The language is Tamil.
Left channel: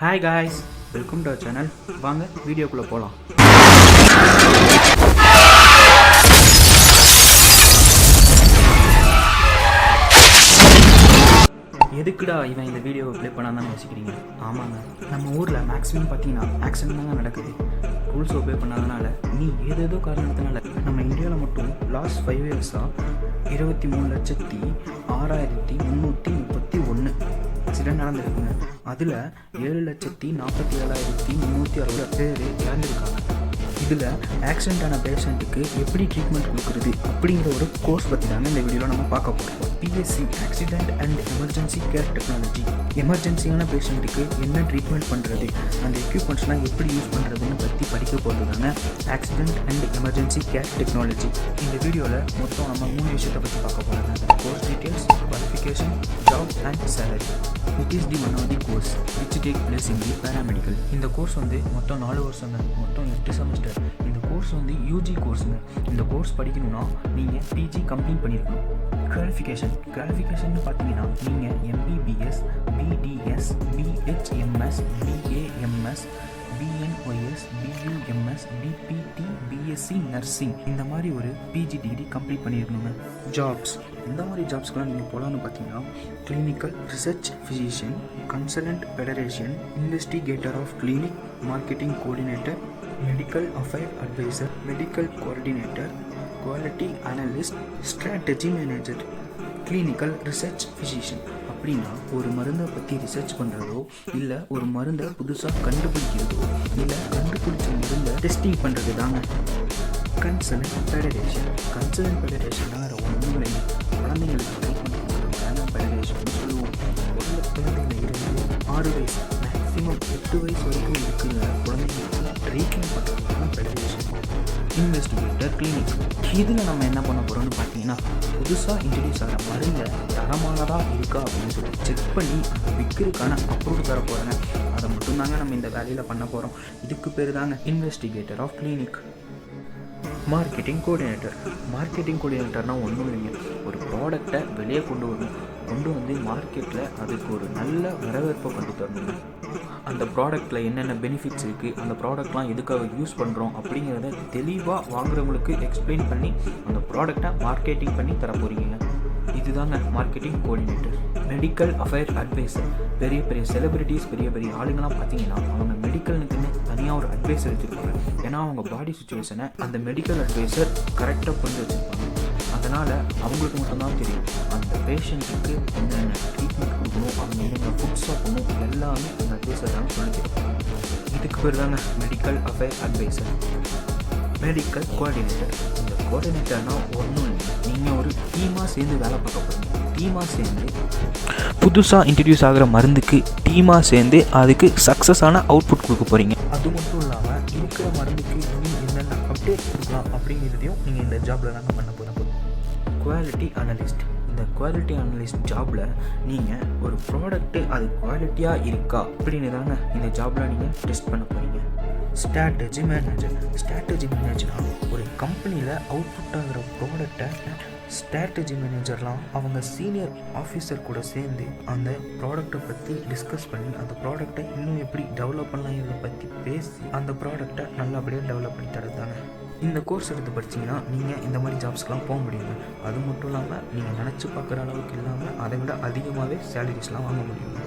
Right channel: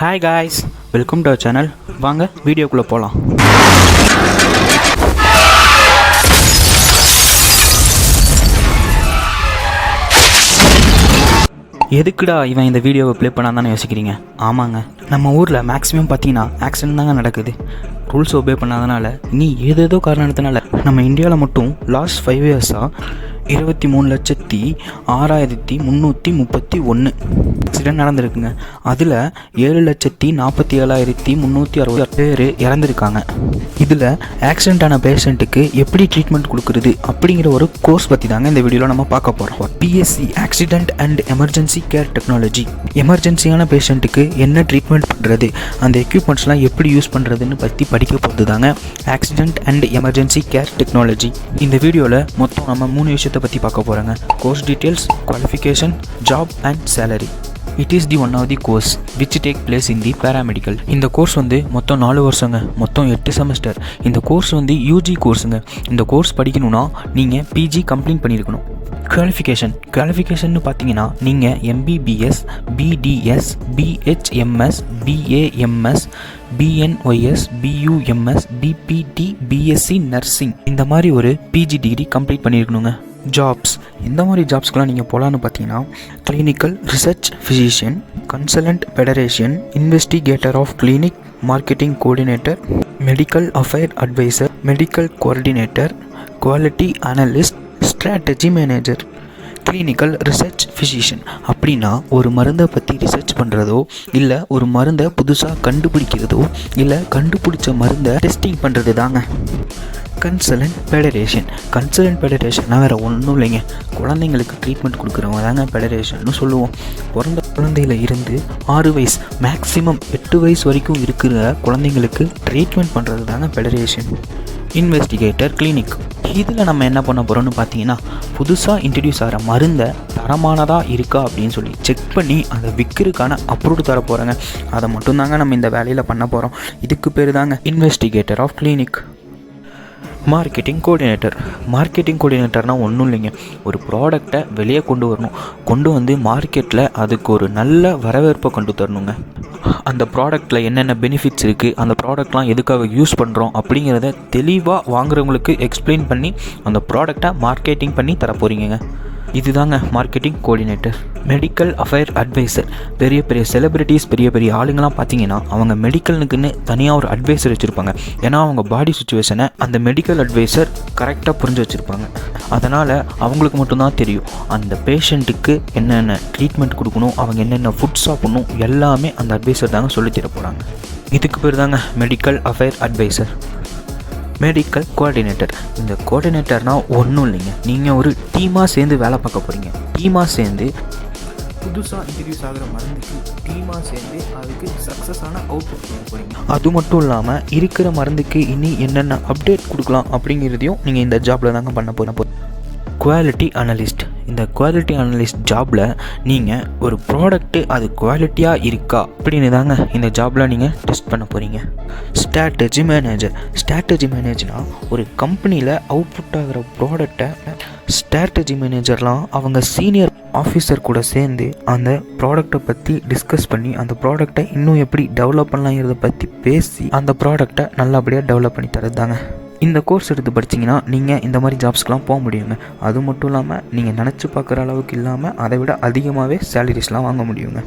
Hi guys, welcome to our channel. வாங்க வீடியோக்குள்ளே போகலாம். எதுக்குடா இவன் இந்த வீடியோவை ப்ளே பண்ணாதானே யோசிக்கிறீங்க? ஆமாங்க, நம்ம ஊரில் மேக்ஸிமம் பார்த்தீங்கன்னா ஆக்சிடென்ட் தாங்க நடக்குது. ரூல்ஸ் ஒபே பண்ணாதனால நீ ஏதேதோ காரணத்தினால நம்ம இந்தியாவில் மட்டும் லாஸ்ட் 5 இயர்ஸாக 23,06,331 ஆக்சிடென்ட் நடந்திருக்குங்க. அதில் 7,47,360 பேர் இறந்துருக்காங்க. இதில் ஆக்சிடென்ட் ஆன பேஷண்ட்டுக்கு எப்படி ட்ரீட்மெண்ட் கொடுக்குறது அப்படிங்கிற ஒரு கோர்ஸ் பற்றி தாங்க இந்த வீடியோவில் நம்ம பார்க்க போகிறோம். BSc accident and emergency care technology. எமர்ஜென்சியான பேஷண்ட்டுக்கு என்ன ட்ரீட்மெண்ட் பண்ணுறது, அந்த எக்யூப்மெண்ட்ஸ்லாம் எப்படி யூஸ் பண்ணுறதுன்னு பற்றி படிக்க போகிறது தாங்க accident and emergency care technology. இந்த வீடியோவில் மொத்தம் நம்ம 3 விஷயத்தை பற்றி பார்க்க போகிறாங்க. Course details, qualification, job and salary. It is the one of the course which take place in the paramedical. இந்த கோர்ஸ் மொத்தம் 4 வருஷங்க, மொத்தம் 8 செமஸ்டர். இந்த கோர்ஸ் யூஜி கோர்ஸுங்க. இந்த கோர்ஸ் படிக்கணும்னா நீங்கள் பிஜி கம்ப்ளீட் பண்ணியிருக்கணும். குவாலிஃபிகேஷன் பார்த்தீங்கன்னா நீங்கள் MBBS, BDS, BHMS, BAMS, BNYS, BUMS, BPT, BSc nursing இந்த மாதிரி ஒரு பிஜி டிகிரி கம்ப்ளீட் பண்ணியிருக்கணுங்க. ஜாப்ஸ், இந்த மாதிரி ஜாப்ஸ்க்கெலாம் நீங்கள் போகலான்னு பார்த்தீங்கன்னா clinical research physician, consultant federation, investigator of clinic, marketing coordinator, medical affair advisor, medical coordinator, quality analyst, strategy manager. Clinical research physician அப்படின்னா ஒரு மருந்தை பற்றி ரிசர்ச் பண்ணுறதோ, இல்லை ஒரு மருந்தை புதுசாக கண்டுபிடிக்கிறதோ, இல்லை கண்டுபிடிச்ச மருந்தை டெஸ்டிங் பண்ணுறது தாங்க. கன்சல்டன்ட் ஃபெடரேஷன்னா வேறு ஒன்றும் இல்லைங்க, குழந்தைங்களுக்கு ட்ரீட்மெண்ட் கொடுக்குறவங்க தாங்க ஃபெடரேஷன்னு சொல்லுவோம். பிறந்த குழந்தையில இருந்து 6 வயசு மேக்ஸிமம் 8 வயசு வரைக்கும் இருக்கிற குழந்தைங்களுக்கு ட்ரீட்மெண்ட் பண்ணுறது தாங்க ஃபெடரேஷன். Investigator clinic. இதில் நம்ம என்ன பண்ண போகிறோம்னு பார்த்தீங்கன்னா, புதுசாக இன்ட்ரடியூஸ் ஆகிற மருந்தை தரமானதாக இருக்கா அப்படின்னு சொல்லி செக் பண்ணி அதை விற்கிறதுக்கான அப்ரூவ் தர போகிறாங்க. அதை மட்டும்தாங்க நம்ம இந்த வேலையில் பண்ண போகிறோம். இதுக்கு பேர் தாங்க இன்வெஸ்டிகேட்டர் ஆஃப் கிளினிக். மார்க்கெட்டிங் கோஆர்டினேட்டர்னால் ஒன்றும் இல்லைங்க, ஒரு ப்ராடக்டை வெளியே கொண்டு வந்து மார்க்கெட்டில் அதுக்கு ஒரு நல்ல வரவேற்பை கொண்டு தரணுங்க. அந்த ப்ராடக்ட்டில் என்னென்ன பெனிஃபிட்ஸ் இருக்குது, அந்த ப்ராடக்ட்லாம் எதுக்காக யூஸ் பண்ணுறோம் அப்படிங்கிறத தெளிவாக வாங்குறவங்களுக்கு எக்ஸ்பிளைன் பண்ணி அந்த ப்ராடக்டை மார்க்கெட்டிங் பண்ணி தர போகிறீங்க. இதுதாங்க marketing coordinator. Medical affair advisor. பெரிய பெரிய செலிபிரிட்டிஸ், பெரிய பெரிய ஆளுங்கள்லாம் பார்த்தீங்கன்னா அவங்க மெடிக்கலுக்குன்னு தனியாக ஒரு அட்வைசர் வச்சுருப்பாங்க. ஏன்னா அவங்க பாடி சுச்சுவேஷனை அந்த மெடிக்கல் அட்வைசர் கரெக்டாக புரிஞ்சு வச்சுருப்பாங்க. அதனால் அவங்களுக்கு மட்டும்தான் தெரியும் அந்த பேஷண்ட்டுக்கு என்னென்ன ட்ரீட்மெண்ட் கொடுக்கணும், அவங்க என்னென்ன ஃபுட் சாப்பிடணும், எல்லாமே அந்த அட்வைசர் தாங்க சொல்லி தர போகிறாங்க. இதுக்கு பேர் தாங்க medical affair advisor. Medical coordinator. இந்த கோஆர்டினேட்டர்னால் ஒன்றும் இல்லைங்க, நீங்கள் ஒரு டீமாக சேர்ந்து வேலை பார்க்க போகிறீங்க. டீமாக சேர்ந்து புதுசாக இன்ட்ரடியூஸ் ஆகிற மருந்துக்கு டீமாக சேர்ந்து அதுக்கு சக்ஸஸான அவுட்புட் கொடுக்க போகிறீங்க. அது மட்டும் இல்லாமல் இருக்கிற மருந்துக்கு இனி என்னென்ன அப்டேட் கொடுக்கலாம் அப்படிங்கிறதையும் நீங்கள் இந்த ஜாபில் தாங்க பண்ண போகிறோம். Quality analyst. இந்த குவாலிட்டி அனலிஸ்ட் ஜாபில் நீங்கள் ஒரு ப்ராடக்ட்டு அது குவாலிட்டியாக இருக்கா அப்படின்னு தாங்க இந்த ஜாபில் நீங்கள் டெஸ்ட் பண்ண போகிறீங்க. ஸ்ட்ராட்டஜி மேனேஜர்னால் ஒரு கம்பெனியில் அவுட்புட் ஆகிற ப்ராடக்டை ஸ்ட்ராட்டஜி மேனேஜர்லாம் அவங்க சீனியர் ஆஃபீஸர் கூட சேர்ந்து அந்த ப்ராடக்டை பற்றி டிஸ்கஸ் பண்ணி அந்த ப்ராடக்டை இன்னும் எப்படி டெவலப் பண்ணலாங்கிறத பற்றி பேசி அந்த ப்ராடக்டை நல்லபடியாக டெவலப் பண்ணி தரது தாங்க. இந்த கோர்ஸ் எடுத்து படிச்சிங்கன்னா நீங்கள் இந்த மாதிரி ஜாப்ஸ்க்கெலாம் போக முடியுங்க. அது மட்டும் இல்லாமல் நீங்கள் நினச்சி பார்க்குற அளவுக்கு இல்லாமல் அதை விட அதிகமாகவே சேலரிஸ்லாம் வாங்க முடியுங்க.